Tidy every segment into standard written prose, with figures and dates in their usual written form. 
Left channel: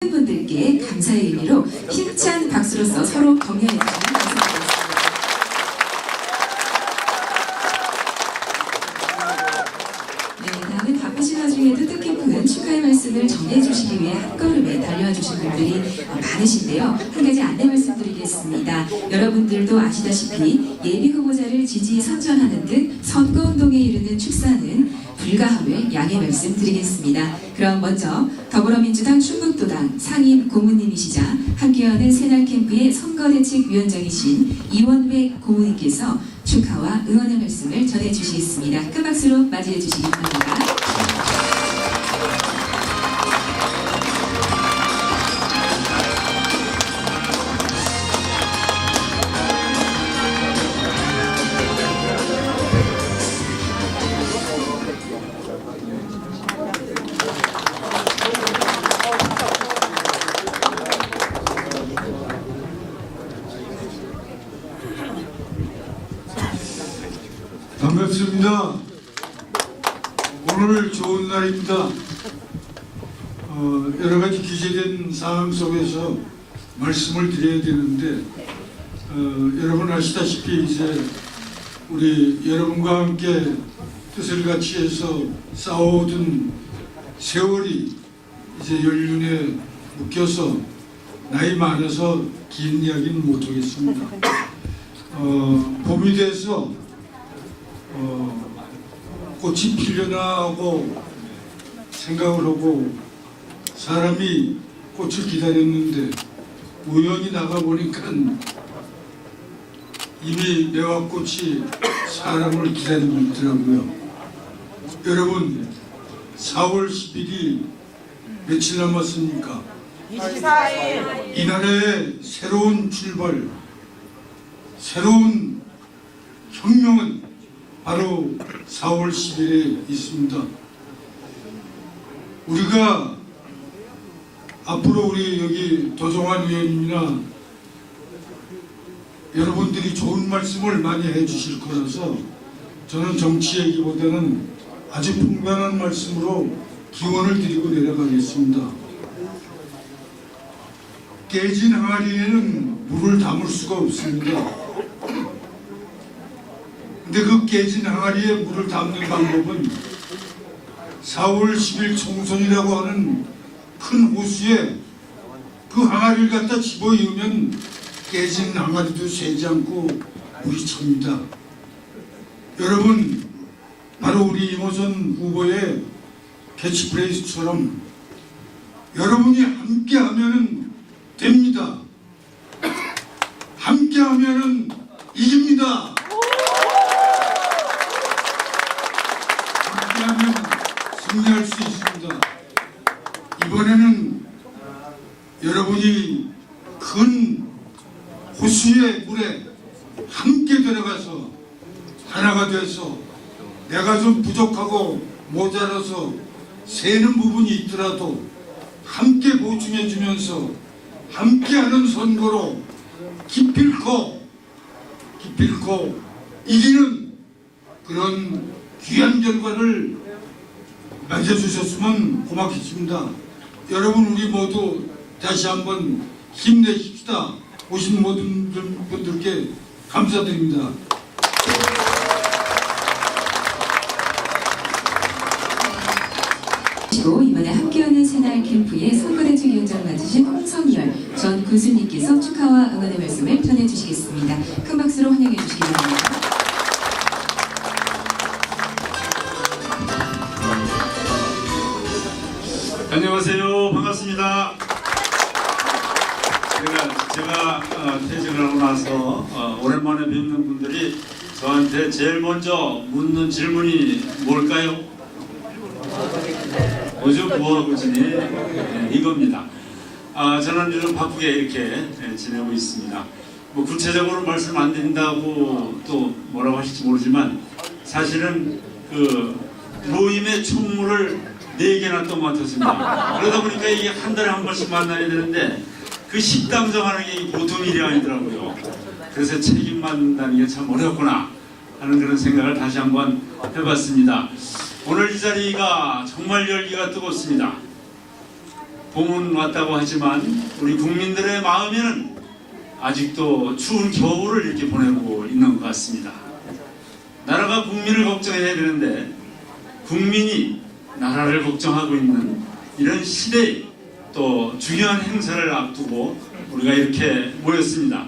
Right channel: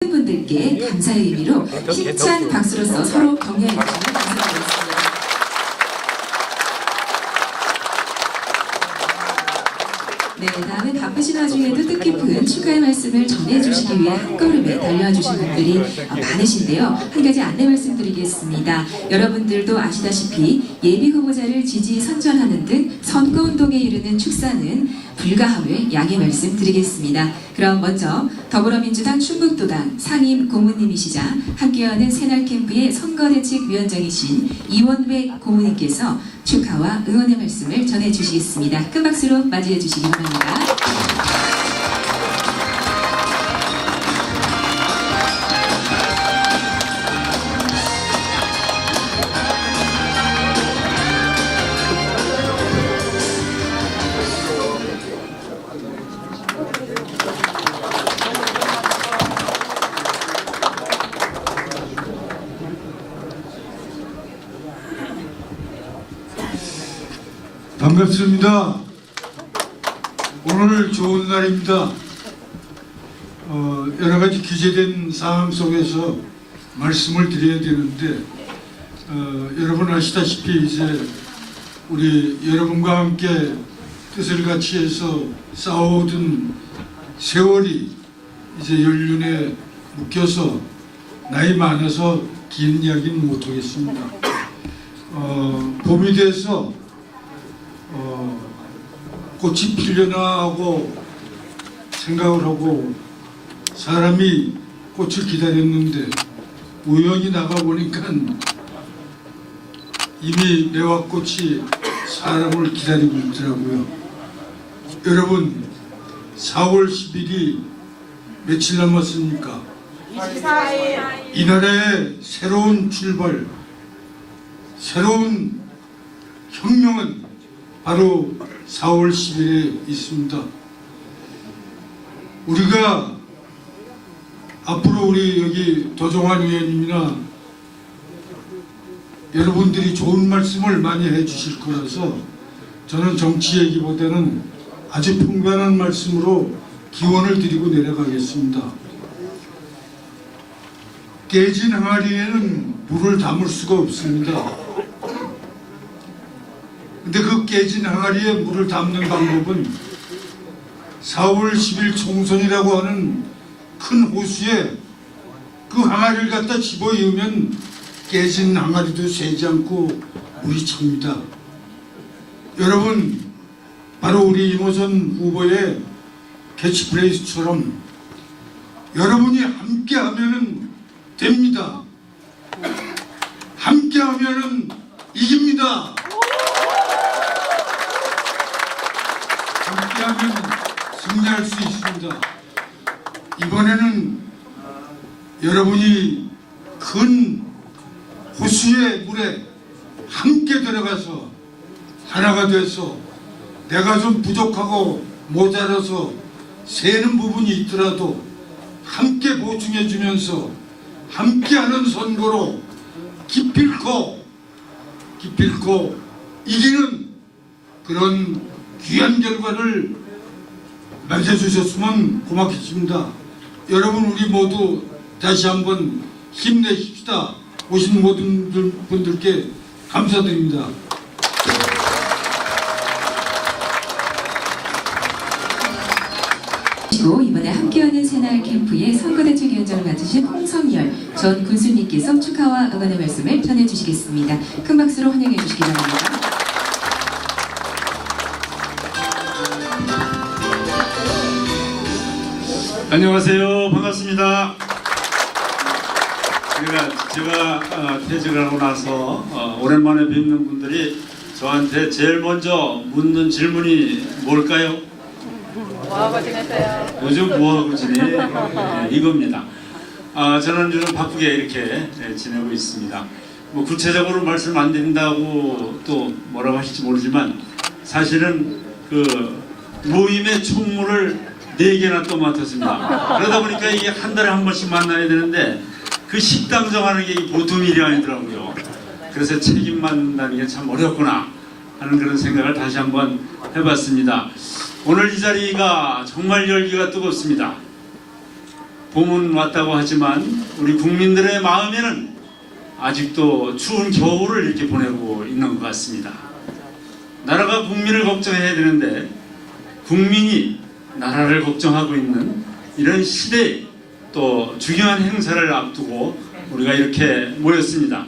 분들께 감사의 의미로 힘찬 박수로서 서로 격려해 주시면 감사드리겠습니다. 네, 다음은 바쁘신 와중에도 뜻깊은 축하의 말씀을 전해주시기 위해 한 걸음에 달려와 주신 분들이 많으신데요. 한 가지 안내 말씀드리겠습니다. 여러분들도 아시다시피 예비 후보자를 지지 선전하는 등 선거운동에 이르는 축사는 불가함을 양해 말씀드리겠습니다. 그럼 먼저 더불어민주당 충북도당 상임 고문님이시자 함께하는 새날캠프의 선거대책위원장이신 이원백 고문님께서 축하와 응원의 말씀을 전해주시겠습니다. 큰 박수로 맞이해 주시기 바랍니다. 반갑습니다. 오늘 좋은 날입니다. 여러 가지 규제된 상황 속에서 말씀을 드려야 되는데 여러분 아시다시피 이제 우리 여러분과 함께 뜻을 같이 해서 싸워오던 세월이 이제 연륜에 묶여서 나이 많아서 긴 이야기는 못하겠습니다. 봄이 돼서 꽃이 피려나 하고 생각을 하고 사람이 꽃을 기다렸는데 우연히 나가보니까 이미 매화꽃이 사람을 기다리고 있더라고요. 여러분 4월 10일이 며칠 남았습니까? 24일. 이 나라의 새로운 출발, 새로운 혁명은 바로 4월 10일에 있습니다. 우리가 앞으로 우리 여기 도종환 의원님이나 여러분들이 좋은 말씀을 많이 해주실 거라서 저는 정치 얘기보다는 아주 평범한 말씀으로 기원을 드리고 내려가겠습니다. 깨진 항아리에는 물을 담을 수가 없습니다. 근데 그 깨진 항아리에 물을 담는 방법은 4월 10일 총선이라고 하는 큰 호수에 그 항아리를 갖다 집어넣으면 깨진 항아리도 새지 않고 물이 찹니다. 여러분 바로 우리 이모선 후보의 캐치프레이즈처럼 여러분이 함께하면 됩니다. 함께하면 이깁니다. 함께하면 승리할 수 있습니다. 이번에는 여러분이 큰 호수의 물에 함께 들어가서 하나가 돼서 내가 좀 부족하고 모자라서 새는 부분이 있더라도 함께 보충해 주면서 함께하는 선거로 기필코 이기는 그런 귀한 결과를 맺어주셨으면 고맙겠습니다. 여러분 우리 모두 다시 한번 힘내십시다. 오신 모든 분들께 감사드립니다. 이번에 함께하는 새날 캠프의 선거대책위원장을 맡으신 홍성열 전 군수님께서 축하와 응원의 말씀을 전해주시겠습니다. 큰 박수로 환영해 주시기 바랍니다. 안녕하세요. 반갑습니다. 제가 퇴직을 하고 나서 오랜만에 뵙는 분들이 저한테 제일 먼저 묻는 질문이 뭘까요? 뭐하고 지냈어요? 요즘 뭐하고 지내? 이겁니다. 저는 요즘 바쁘게 이렇게 지내고 있습니다. 뭐 구체적으로 말씀 안 드린다고 또 뭐라고 하실지 모르지만 사실은 그 모임의 총무를 4개나 또 맡았습니다. 그러다 보니까 이게 한 달에 한 번씩 만나야 되는데 그 식당 정하는 게 보통 일이 아니더라고요. 그래서 책임 맡는다는 게 참 어렵구나 하는 그런 생각을 다시 한번 해봤습니다. 오늘 이 자리가 정말 열기가 뜨겁습니다. 봄은 왔다고 하지만 우리 국민들의 마음에는 아직도 추운 겨울을 이렇게 보내고 있는 것 같습니다. 나라가 국민을 걱정해야 되는데 국민이 나라를 걱정하고 있는 이런 시대에 또 중요한 행사를 앞두고 우리가 이렇게 모였습니다.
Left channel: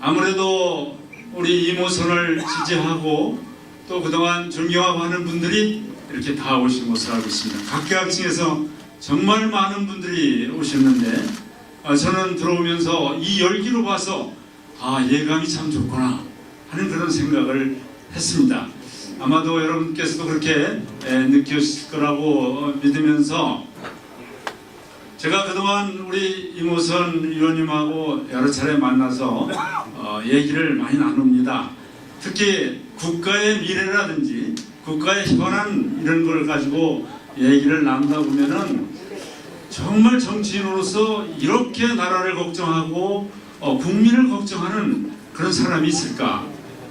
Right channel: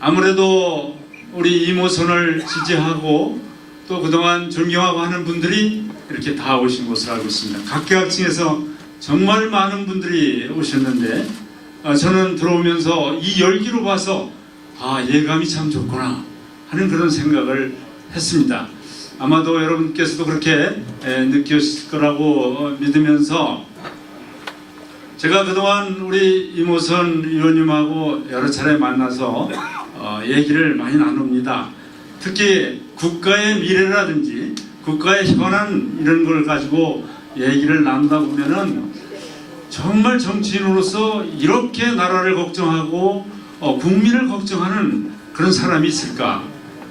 아무래도 우리 이모선을 지지하고 또 그동안 존경하고 하는 분들이 이렇게 다 오신 것으로 알고 있습니다. 각계각층에서 정말 많은 분들이 오셨는데 저는 들어오면서 이 열기로 봐서 예감이 참 좋구나 하는 그런 생각을 했습니다. 아마도 여러분께서도 그렇게 느꼈을 거라고 믿으면서 제가 그동안 우리 이모선 의원님하고 여러 차례 만나서 얘기를 많이 나눕니다. 특히 국가의 미래라든지 국가의 현안 이런 걸 가지고 얘기를 나누다 보면은 정말 정치인으로서 이렇게 나라를 걱정하고 국민을 걱정하는 그런 사람이 있을까?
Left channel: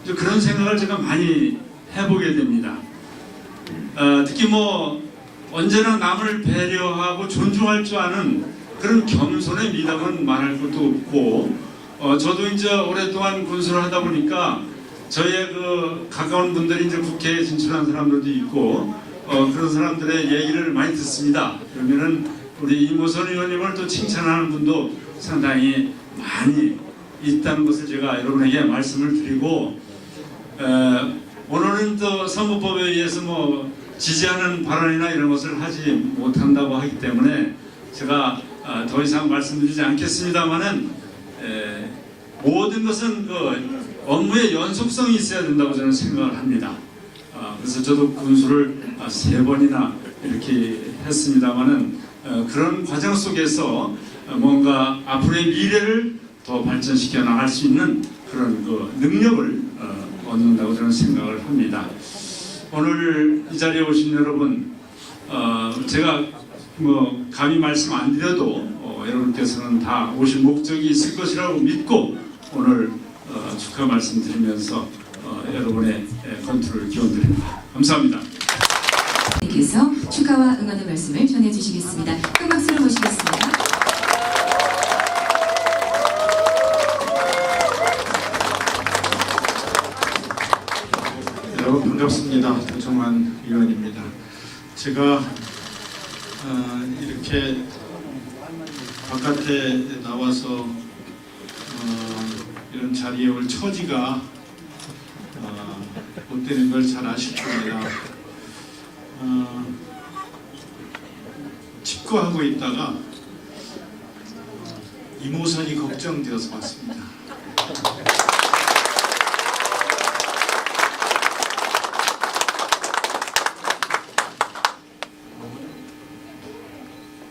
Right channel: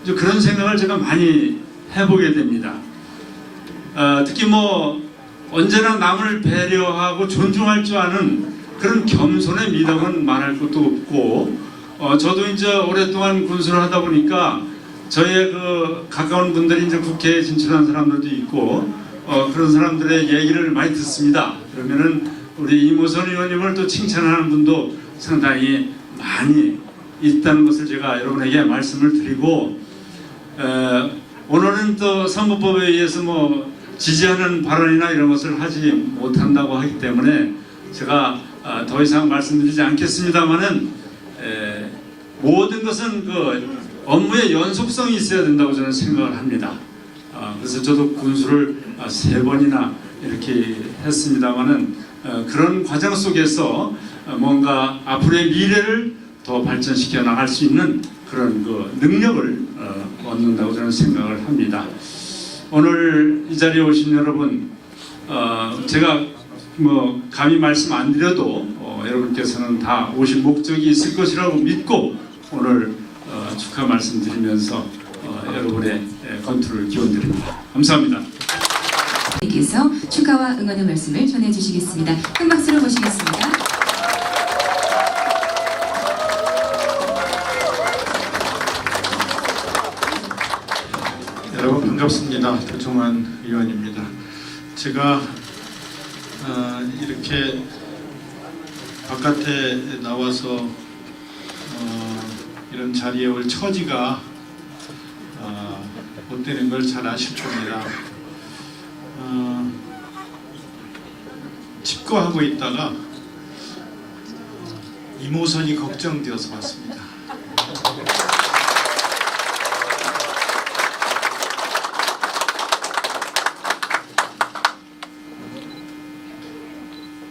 그런 생각을 제가 많이 해보게 됩니다. 특히 언제나 남을 배려하고 존중할 줄 아는 그런 겸손의 미덕은 말할 것도 없고 저도 이제 오랫동안 군수를 하다 보니까 저의 그 가까운 분들이 이제 국회에 진출한 사람들도 있고 그런 사람들의 얘기를 많이 듣습니다. 그러면은 우리 이모선 의원님을 또 칭찬하는 분도 상당히 많이 있다는 것을 제가 여러분에게 말씀을 드리고 오늘은 또 선거법에 의해서 지지하는 발언이나 이런 것을 하지 못한다고 하기 때문에 제가 더 이상 말씀드리지 않겠습니다만은 모든 것은 그 업무의 연속성이 있어야 된다고 저는 생각을 합니다. 그래서 저도 군수를 3번이나 이렇게 했습니다만은 그런 과정 속에서 뭔가 앞으로의 미래를 더 발전시켜 나갈 수 있는 그런 그 능력을 얻는다고 저는 생각을 합니다. 오늘 이 자리에 오신 여러분, 제가 감히 말씀 안 드려도 여러분께서는 다 오실 목적이 있을 것이라고 믿고 오늘 축하 말씀드리면서 여러분의 건투를 기원드립니다. 감사합니다. 께서 축하와 응원의 말씀을 전해주시겠습니다. 큰 박수로 모시겠습니다. 여러분 반갑습니다. 도종환 의원입니다. 제가 이렇게 바깥에 나와서 이런 자리에 올 처지가 못 되는 걸 잘 아실 겁니다. 집거하고 있다가 이모선이 걱정되어서 왔습니다.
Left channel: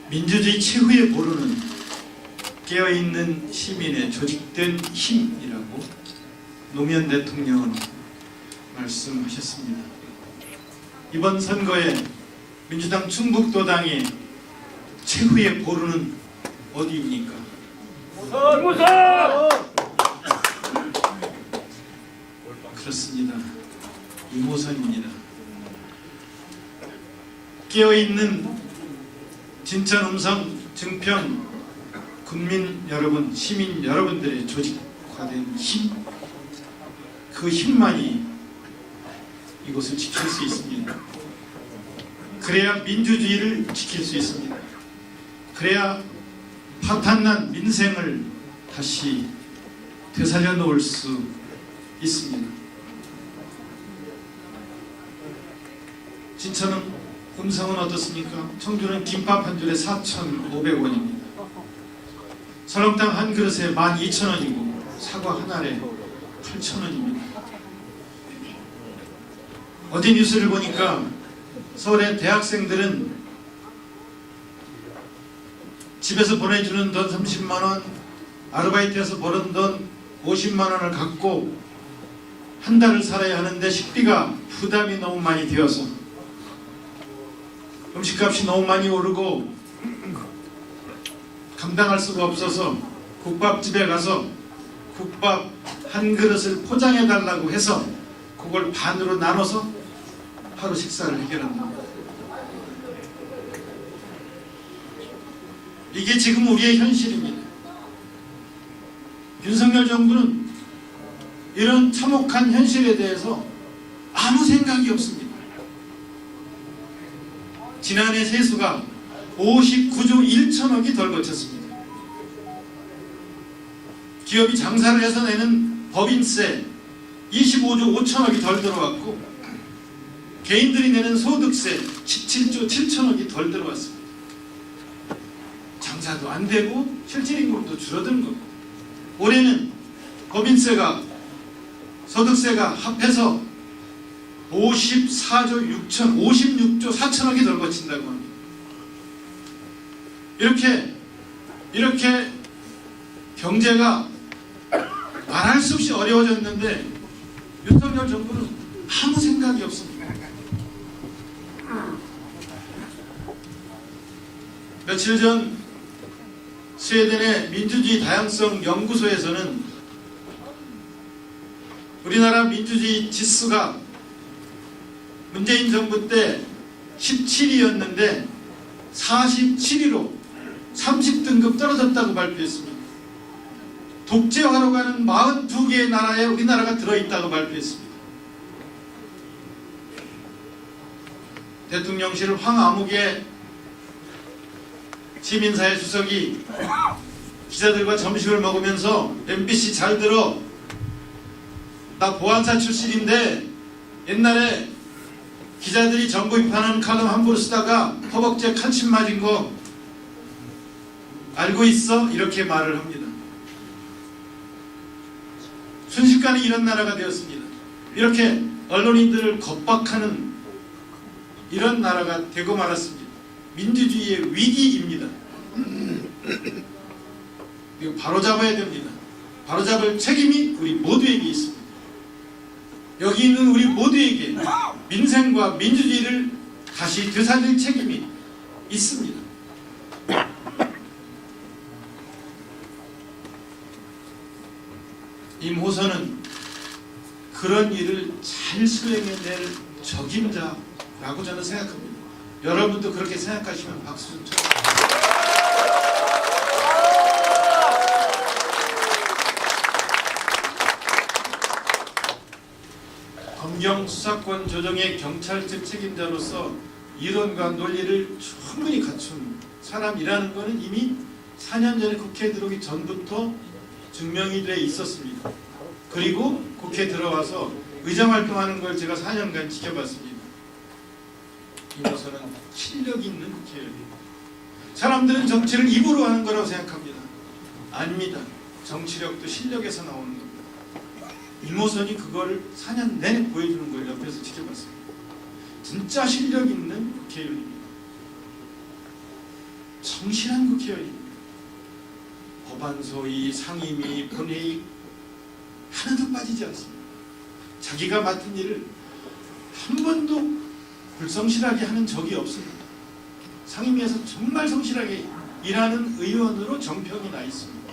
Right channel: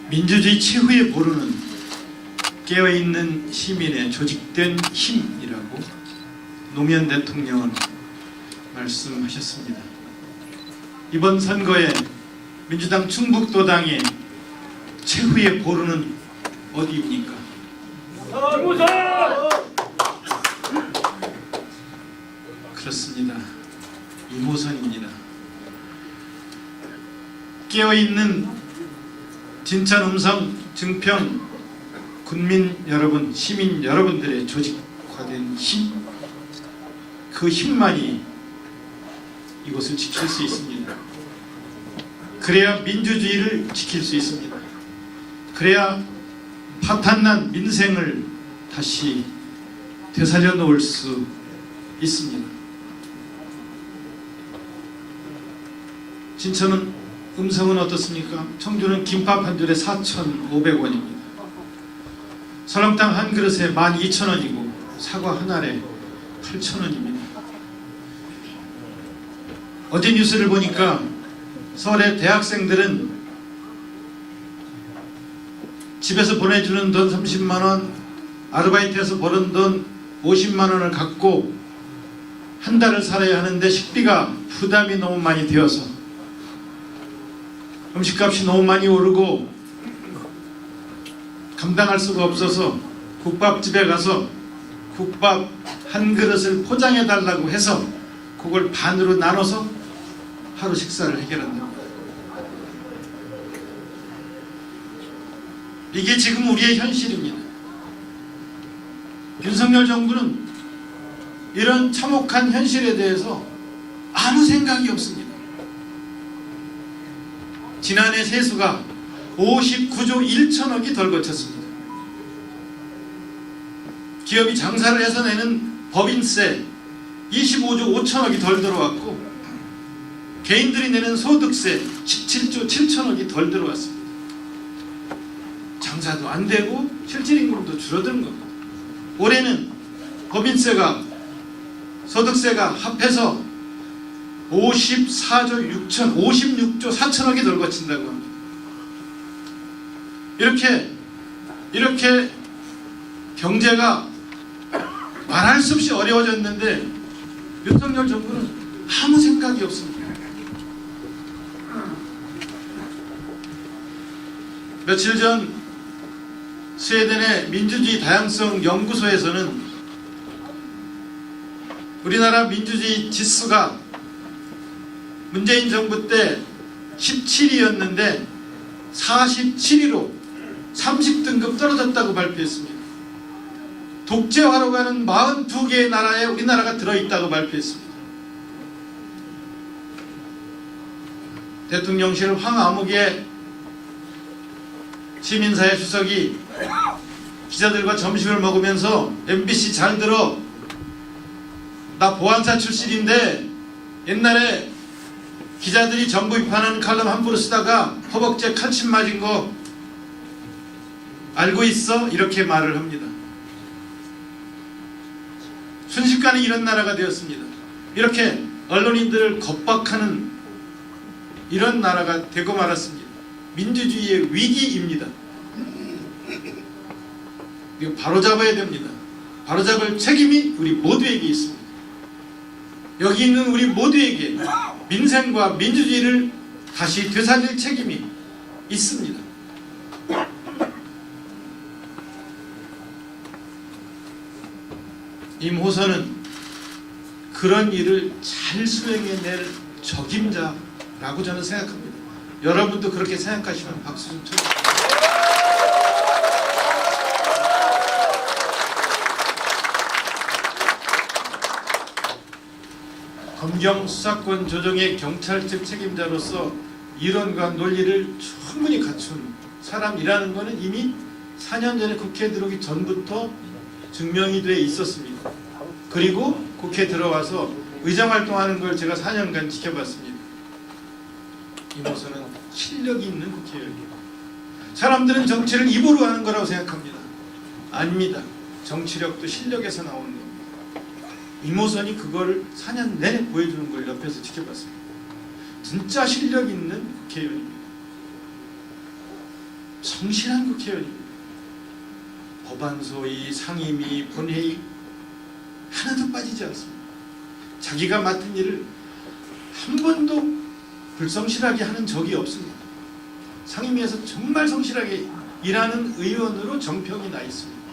민주주의 최후의 보루는 깨어있는 시민의 조직된 힘이라고 노무현 대통령은 말씀하셨습니다. 이번 선거에 민주당 충북도당의 최후의 보루는 어디입니까? 그렇습니다. 이모선입니다. 깨어있는 진천, 음성, 증평 군민 여러분, 시민 여러분들의 조직화된 힘, 그 힘만이 이곳을 지킬 수 있습니다. 그래야 민주주의를 지킬 수 있습니다. 그래야 파탄난 민생을 다시 되살려 놓을 수 있습니다. 진천은, 음성은 어떻습니까? 청주는 김밥 한 줄에 4,500원입니다. 설렁탕 한 그릇에 12,000원이고 사과 한 알에 8,000원입니다. 어제 뉴스를 보니까 서울의 대학생들은 집에서 보내주는 돈 30만원, 아르바이트에서 버는 돈 50만원을 갖고 한 달을 살아야 하는데 식비가 부담이 너무 많이 되어서 음식값이 너무 많이 오르고 감당할 수가 없어서 국밥집에 가서 국밥 한 그릇을 포장해 달라고 해서 그걸 반으로 나눠서 하루 식사를 해결한답니다. 이게 지금 우리의 현실입니다. 윤석열 정부는 이런 참혹한 현실에 대해서 아무 생각이 없습니다. 지난해 세수가 59조 1천억이 덜 거쳤습니다. 기업이 장사를 해서 내는 법인세 25조 5천억이 덜 들어왔고 개인들이 내는 소득세 17조 7천억이 덜 들어왔습니다. 장사도 안 되고 실질임금도 줄어든 겁니다. 올해는 법인세가 소득세가 합해서 56조 4천억이 덜 거친다고 합니다. 이렇게 경제가 말할 수 없이 어려워졌는데 윤석열 정부는 아무 생각이 없습니다. 며칠 전 스웨덴의 민주주의 다양성 연구소에서는 우리나라 민주주의 지수가 문재인 정부 때 17위였는데 47위로 30등급 떨어졌다고 발표했습니다. 독재화로 가는 42개의 나라에 우리나라가 들어있다고 발표했습니다. 대통령실 황아무개 시민사회 수석이 기자들과 점심을 먹으면서 MBC 잘 들어, 나 보안사 출신인데 옛날에 기자들이 정부 비판하는 칼럼 함부로 쓰다가 허벅지에 칼침 맞은 거 알고 있어? 이렇게 말을 합니다. 순식간에 이런 나라가 되었습니다. 이렇게 언론인들을 겁박하는 이런 나라가 되고 말았습니다. 민주주의의 위기입니다. 이거 바로잡아야 됩니다. 바로잡을 책임이 우리 모두에게 있습니다. 여기 있는 우리 모두에게 민생과 민주주의를 다시 되살릴 책임이 있습니다. 임호선은 그런 일을 잘 수행해낼 적임자라고 저는 생각합니다. 여러분도 그렇게 생각하시면 박수 좀 쳐주세요. 검경 수사권 조정의 경찰직 책임자로서 이론과 논리를 충분히 갖춘 사람이라는 것은 이미 4년 전에 국회에 들어오기 전부터 증명이 돼 있었습니다. 그리고 국회에 들어와서 의정활동하는 걸 제가 4년간 지켜봤습니다. 임호선은 실력이 있는 국회의원입니다. 사람들은 정치를 입으로 하는 거라고 생각합니다. 아닙니다. 정치력도 실력에서 나오는 겁니다. 임호선이 그거를 4년 내내 보여주는 걸 옆에서 지켜봤습니다. 진짜 실력 있는 국회의원입니다. 성실한 국회의원입니다. 법안소위, 상임위, 본회의 하나도 빠지지 않습니다. 자기가 맡은 일을 한 번도 불성실하게 하는 적이 없습니다. 상임위에서 정말 성실하게 일하는 의원으로 정평이 나 있습니다.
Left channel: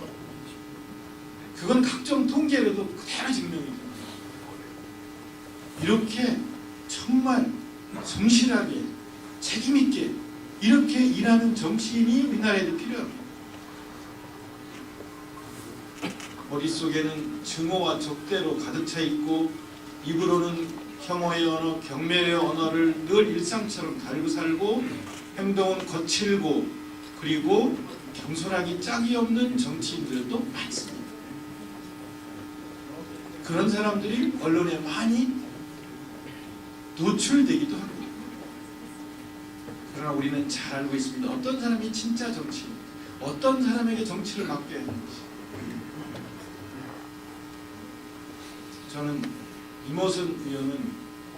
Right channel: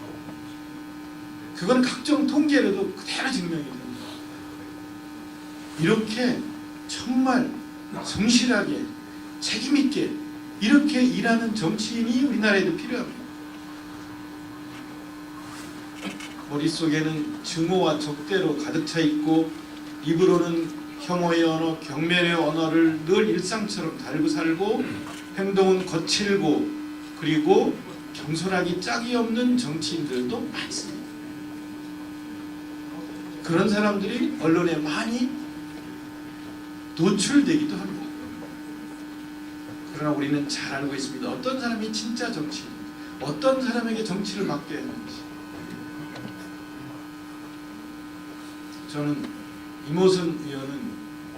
그건 각종 통계로도 그대로 증명이 됩니다. 이렇게 정말 성실하게 책임있게 이렇게 일하는 정치인이 우리나라에도 필요합니다. 머릿속에는 증오와 적대로 가득 차 있고 입으로는 혐오의 언어, 경멸의 언어를 늘 일상처럼 달고 살고 행동은 거칠고 그리고 경솔하기 짝이 없는 정치인들도 많습니다. 그런 사람들이 언론에 많이 노출되기도 합니다. 그러나 우리는 잘 알고 있습니다. 어떤 사람이 진짜 정치인, 어떤 사람에게 정치를 맡겨야 하는지. 저는 임호선 의원은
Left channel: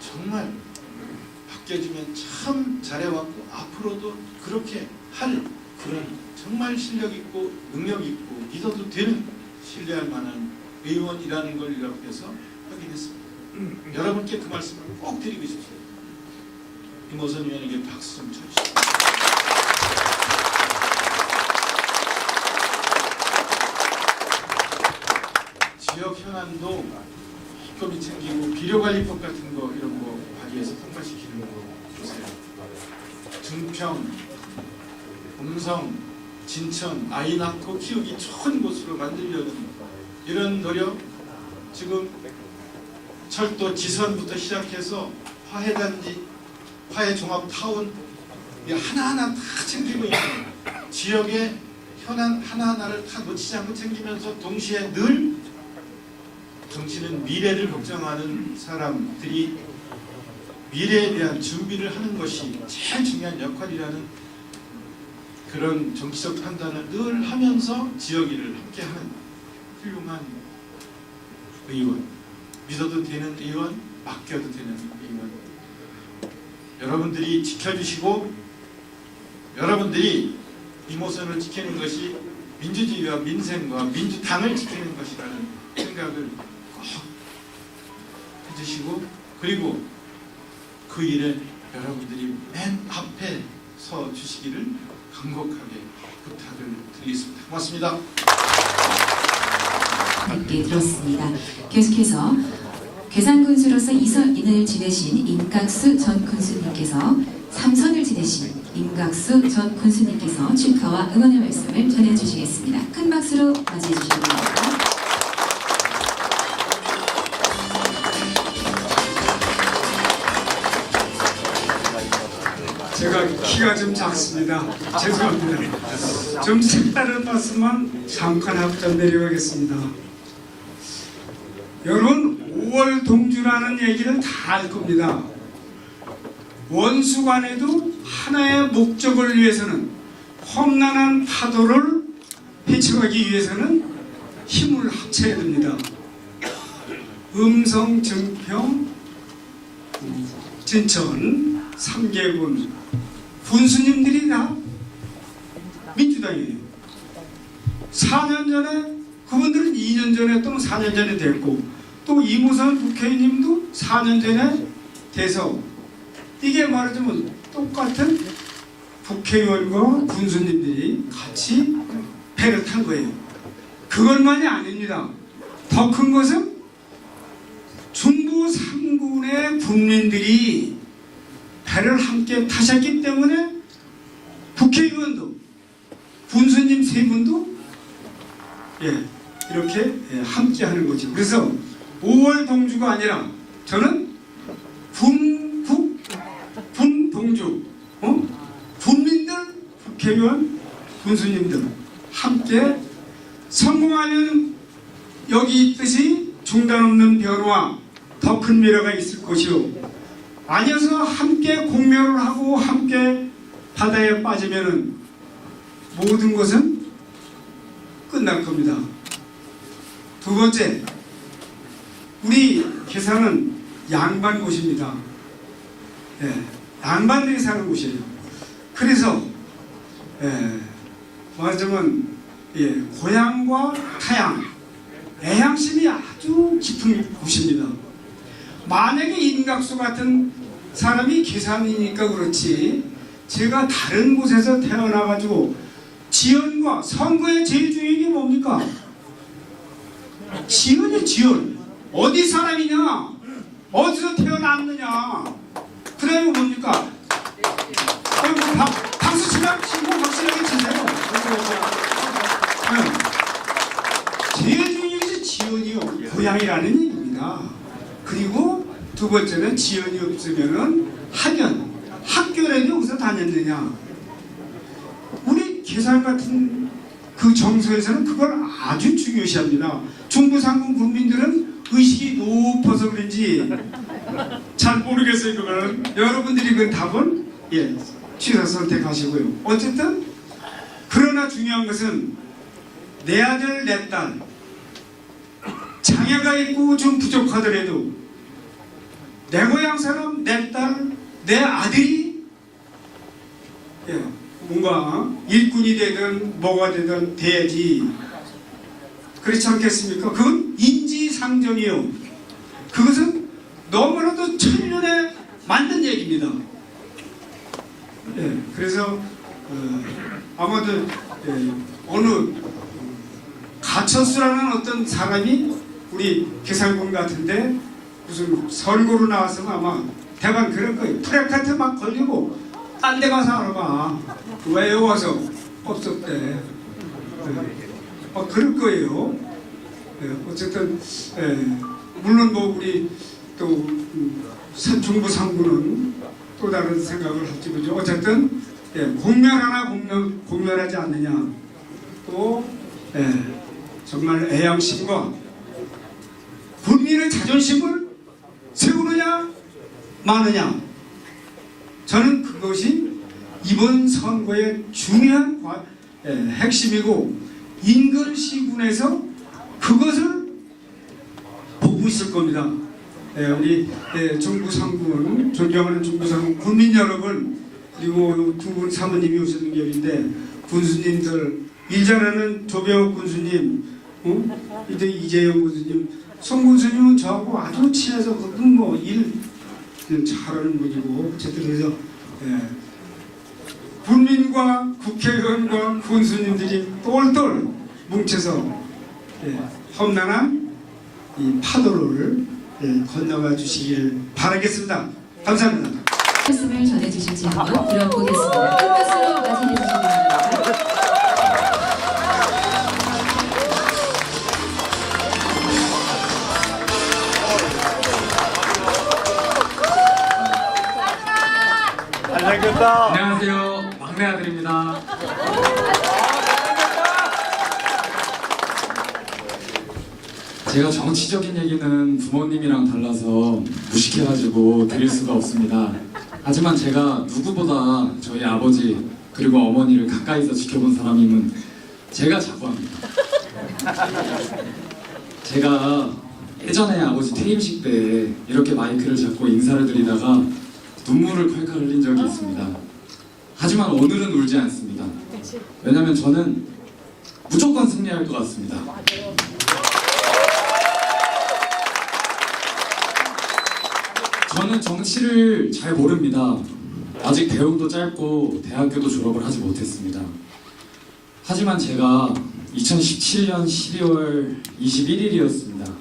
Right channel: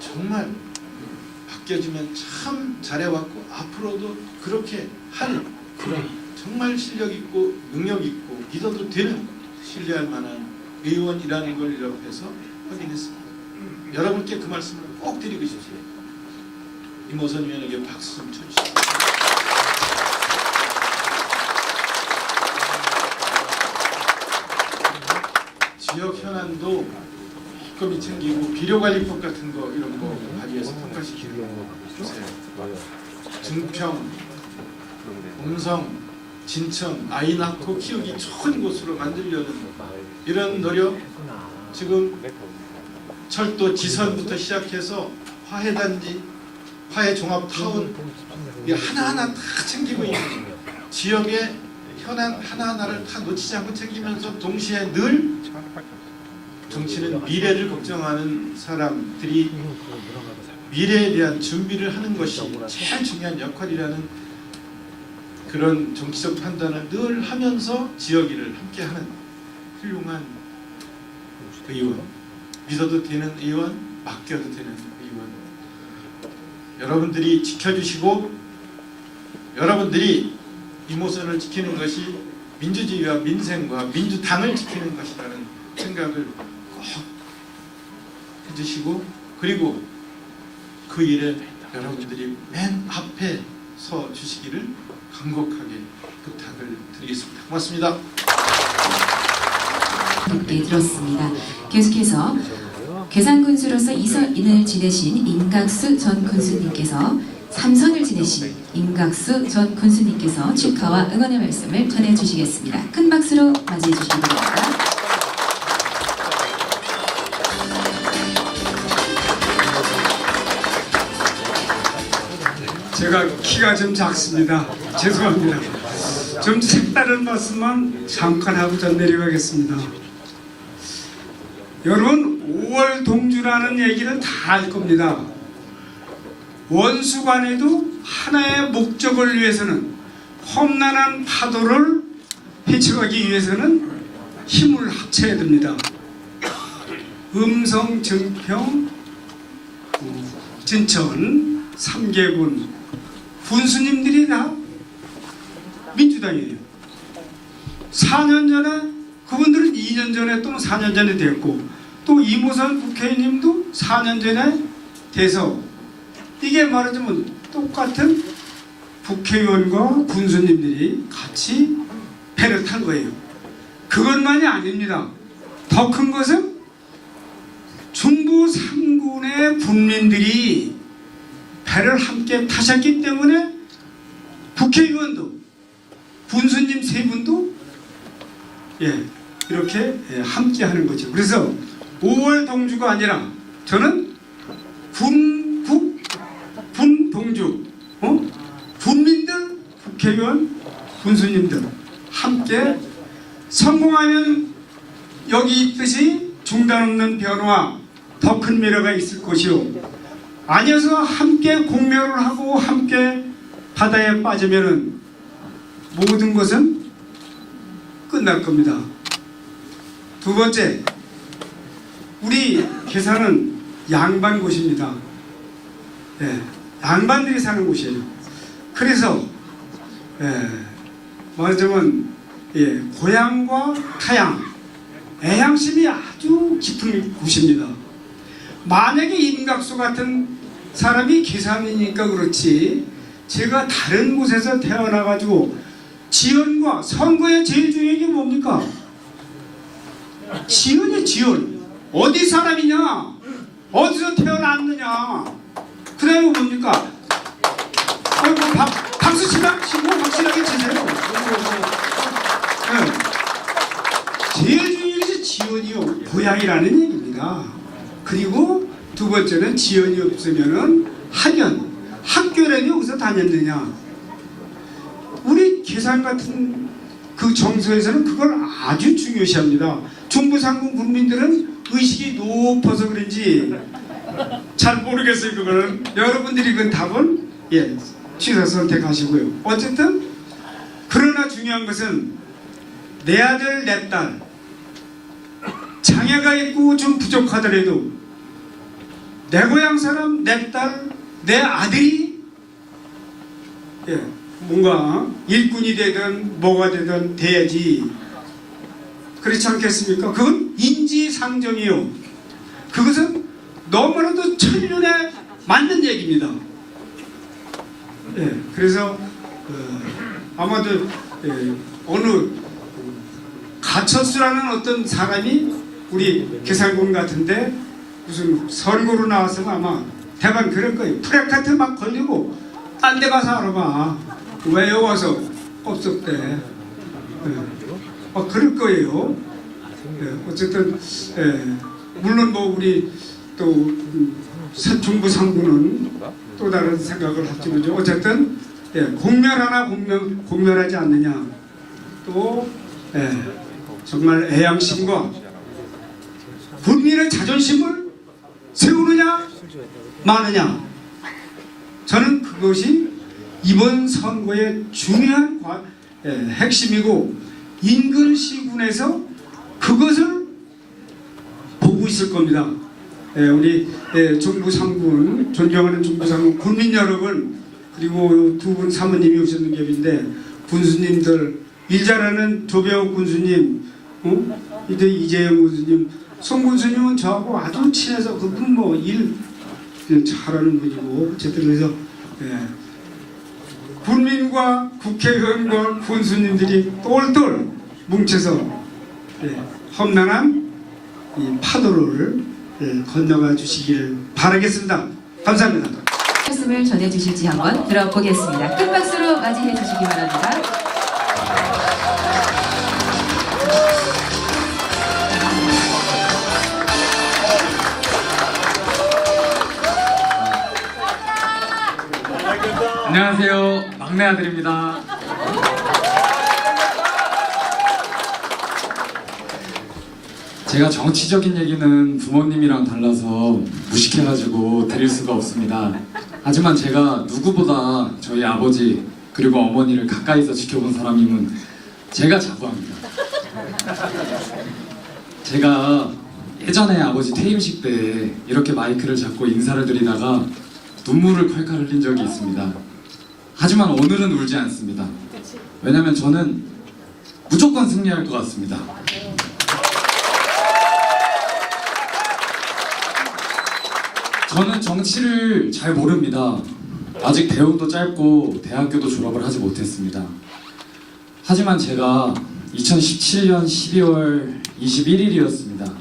정말 바뀌어주면 참 잘해왔고 앞으로도 그렇게 할 그런 정말 실력있고 능력있고 믿어도 되는 신뢰할 만한 의원이라는 걸 옆에서 확인했습니다. 여러분께 그 말씀을 꼭 드리고 싶어요. 임호선 의원에게 박수 좀 쳐주시죠. 지역 현안도 기꺼이 챙기고 비료관리법 같은 거 이런 거 발의해서 통과시키는 거 보세요. 증평, 음성, 진천 아이 낳고 키우기 좋은 곳으로 만들려는 이런 노력, 지금 철도 지선부터 시작해서 화해단지, 화해종합타운 하나하나 다 챙기고 있는 지역의 현안 하나하나를 다 놓치지 않고 챙기면서 동시에 늘 정치는 미래를 걱정하는 사람들이 미래에 대한 준비를 하는 것이 제일 중요한 역할이라는 그런 정치적 판단을 늘 하면서 지역 일을 함께하는 훌륭한 의원, 믿어도 되는 의원, 맡겨도 되는 의원. 여러분들이 지켜주시고 여러분들이 이모선을 지키는 것이 민주주의와 민생과 민주당을 지키는 것이라는 생각을 꼭 해주시고, 그리고 그 일에 여러분들이 맨 앞에 서 주시기를 간곡하게 부탁을 드리겠습니다. 고맙습니다. 함께 들었습니다. 계속해서 괴산군수로서 2선을 지내신 임각수 전 군수님께서 3선을 지내신 임각수 전 군수님께서 축하와 응원의 말씀을 전해주시겠습니다. 큰 박수로 맞이해 주시기 바랍니다. 제가 키가 좀 작습니다. 죄송합니다. 좀 색다른 말씀만 잠깐 하고 전 내려가겠습니다. 여러분, 5월 동주라는 얘기는 다 알 겁니다. 원수간에도 하나의 목적을 위해서는, 험난한 파도를 헤쳐가기 위해서는 힘을 합쳐야 됩니다. 음성, 증평, 진천, 삼계군 군수님들이 다 민주당이에요. 4년 전에, 그분들은 2년 전에 또는 4년 전에 됐고, 또 이모선 국회의원님도 4년 전에 돼서, 이게 말하자면 똑같은 국회의원과 군수님들이 같이 배를 탄 거예요. 그것만이 아닙니다. 더 큰 것은 중부 3군의 군민들이 배를 함께 타셨기 때문에 국회의원도 군수님 세 분도 이렇게 함께 하는 거죠. 그래서 5월 동주가 아니라 저는 군동주, 군민들, 국회의원, 군수님들 함께 성공하면 여기 있듯이 중단 없는 변화, 더 큰 미래가 있을 것이요, 아니어서 함께 공멸을 하고 함께 바다에 빠지면은 모든 것은 끝날 겁니다. 두 번째, 우리 괴산은 양반 곳입니다. 양반들이 사는 곳이에요. 그래서 말하자면 고향과 타향, 애향심이 아주 깊은 곳입니다. 만약에 임각수 같은 사람이 괴산이니까 그렇지, 제가 다른 곳에서 태어나가지고 지연과 선거의 제일 중요한 게 뭡니까? 지연이야, 지연. 어디 사람이냐? 어디서 태어났느냐? 그 다음에 뭡니까? 박수 치고 확실하게 치세요. 제일 중요한 것이 지연이요, 고향이라는 얘기입니다. 그리고 두 번째는 지연이 없으면은 학연, 학교라도 여기서 다녔느냐? 우리 괴산 같은 그 정서에서는 그걸 아주 중요시합니다. 중부상공 국민들은 의식이 높아서 그런지 잘 모르겠어요. 그거는 여러분들이 그 답은 취사 선택하시고요. 어쨌든 그러나 중요한 것은 내 아들 내 딸 장애가 있고 좀 부족하더라도 내 고향 사람, 내 딸, 내 아들이 뭔가 일꾼이 되든 뭐가 되든 돼야지. 그렇지 않겠습니까? 그건 인지상정이요. 그것은 너무나도 천년에 맞는 얘기입니다. 그래서 아마도 어느 가철수라는 어떤 사람이 우리 괴산군 같은데 무슨 선거로 나왔으면 아마 대반 그럴 거예요. 프레카트 막 걸리고 딴 데 가서 알아봐. 왜 여기 와서 업적 때 그럴 거예요. 어쨌든 물론 뭐 우리 또 중부 상부는 또 다른 생각을 할지 모르죠. 어쨌든 공멸하나 공멸하지 않느냐, 또 정말 애양심과 국민의 자존심을 세우느냐 마느냐, 저는 그것이 이번 선거의 중요한 핵심이고, 인근시군에서 그것을 보고 있을 겁니다. 우리 중부 3군, 존경하는 중부 3군 군민 여러분, 그리고 두 분 사모님이 오셨는 겹인데, 군수님들, 일 잘하는 조병욱 군수님, 이제 이재영 군수님, 송 군수님은 저하고 아주 친해서 그분 뭐 일 잘하는 분이고, 어쨌든 그래서 군민과 국회의원과 군수님들이 똘똘 뭉쳐서 험난한 이 파도를 건너가 주시기를 바라겠습니다. 감사합니다. 말씀을 전해주실지 한번 들어보겠습니다. 큰 박수로 맞이해 주시기 바랍니다. 안녕하세요. 막내 아들입니다. 제가 정치적인 얘기는 부모님이랑 달라서 무식해가지고 드릴 수가 없습니다. 하지만 제가 누구보다 저희 아버지 그리고 어머니를 가까이서 지켜본 사람임은 제가 자부합니다. 제가 예전에 아버지 퇴임식 때 이렇게 마이크를 잡고 인사를 드리다가 눈물을 콸콸 흘린 적이 있습니다. 하지만 오늘은 울지 않습니다. 왜냐면 저는 무조건 승리할 것 같습니다. 저는 정치를 잘 모릅니다. 아직 대학도 짧고 대학교도 졸업을 하지 못했습니다. 하지만 제가 2017년 12월 21일이었습니다.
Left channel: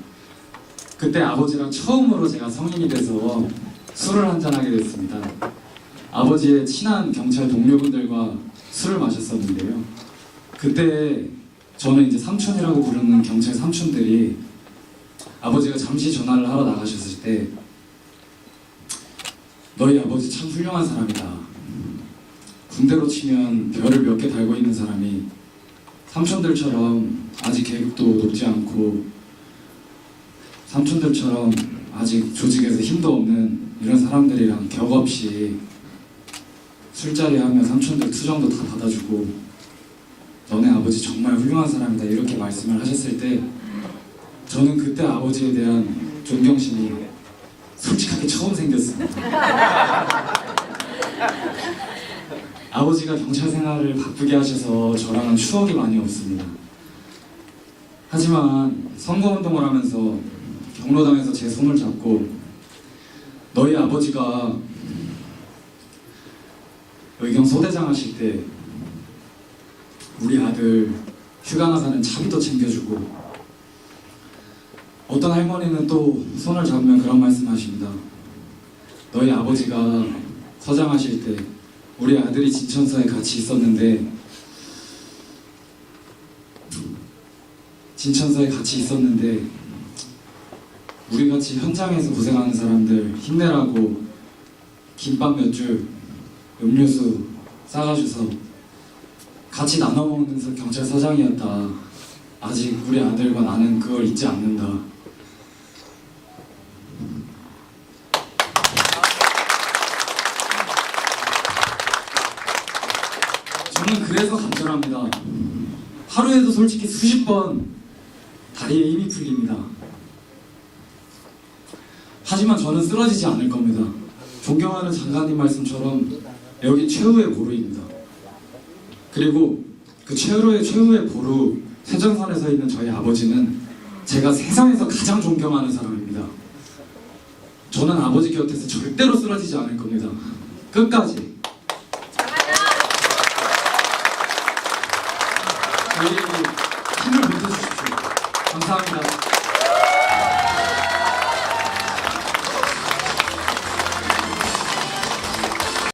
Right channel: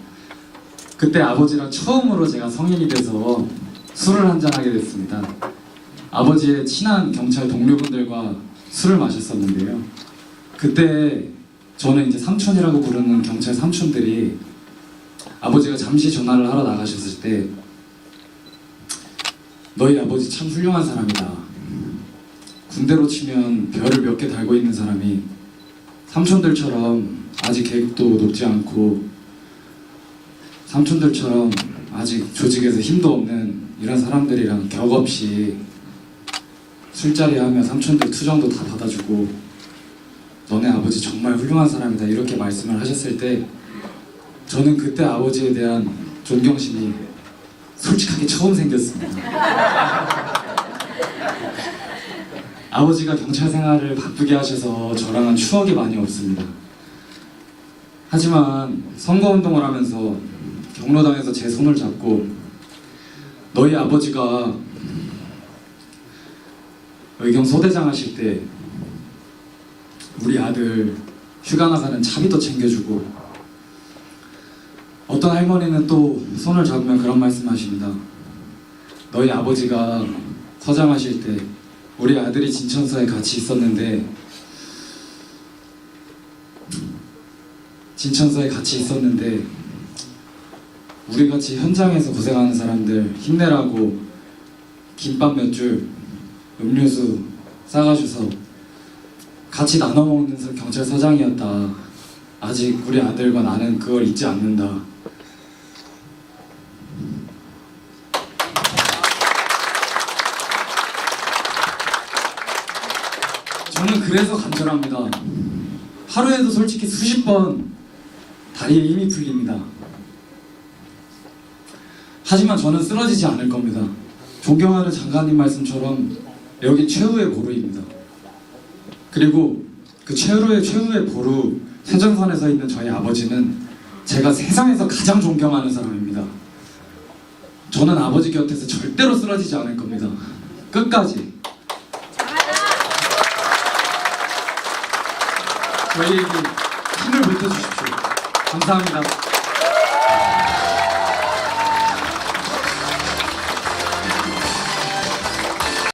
그때 아버지랑 처음으로 제가 성인이 돼서 술을 한잔하게 됐습니다. 아버지의 친한 경찰 동료분들과 술을 마셨었는데요. 그때 저는 이제 삼촌이라고 부르는 경찰 삼촌들이 아버지가 잠시 전화를 하러 나가셨을 때 너희 아버지 참 훌륭한 사람이다. 군대로 치면 별을 몇 개 달고 있는 사람이 삼촌들처럼 아직 계급도 높지 않고 삼촌들처럼 아직 조직에서 힘도 없는 이런 사람들이랑 격 없이 술자리 하면 삼촌들 투정도 다 받아주고 너네 아버지 정말 훌륭한 사람이다 이렇게 말씀을 하셨을 때 저는 그때 아버지에 대한 존경심이 솔직하게 처음 생겼습니다. 아버지가 경찰 생활을 바쁘게 하셔서 저랑은 추억이 많이 없습니다. 하지만 선거운동을 하면서 경로당에서 제 손을 잡고 너희 아버지가 의경 소대장 하실 때 우리 아들 휴가 나가는 차비도 챙겨주고 어떤 할머니는 또 손을 잡으면 그런 말씀 하십니다. 너희 아버지가 서장하실 때 우리 아들이 진천서에 같이 있었는데 우리같이 현장에서 고생하는 사람들 힘내라고 김밥 몇 줄 음료수 싸가셔서 같이 나눠 먹는 경찰서장이었다. 아직 우리 아들과 나는 그걸 잊지 않는다. 저는 그래서 간절합니다. 하루에도 솔직히 수십 번 다리에 힘이 풀립니다. 하지만 저는 쓰러지지 않을 겁니다. 존경하는 장관님 말씀처럼 여기 최후의 보루입니다. 그리고 그 최후의 보루 세전선에 서 있는 저희 아버지는 제가 세상에서 가장 존경하는 사람입니다. 저는 아버지 곁에서 절대로 쓰러지지 않을 겁니다. 끝까지. 저희에게 힘을 보태주십시오. 감사합니다.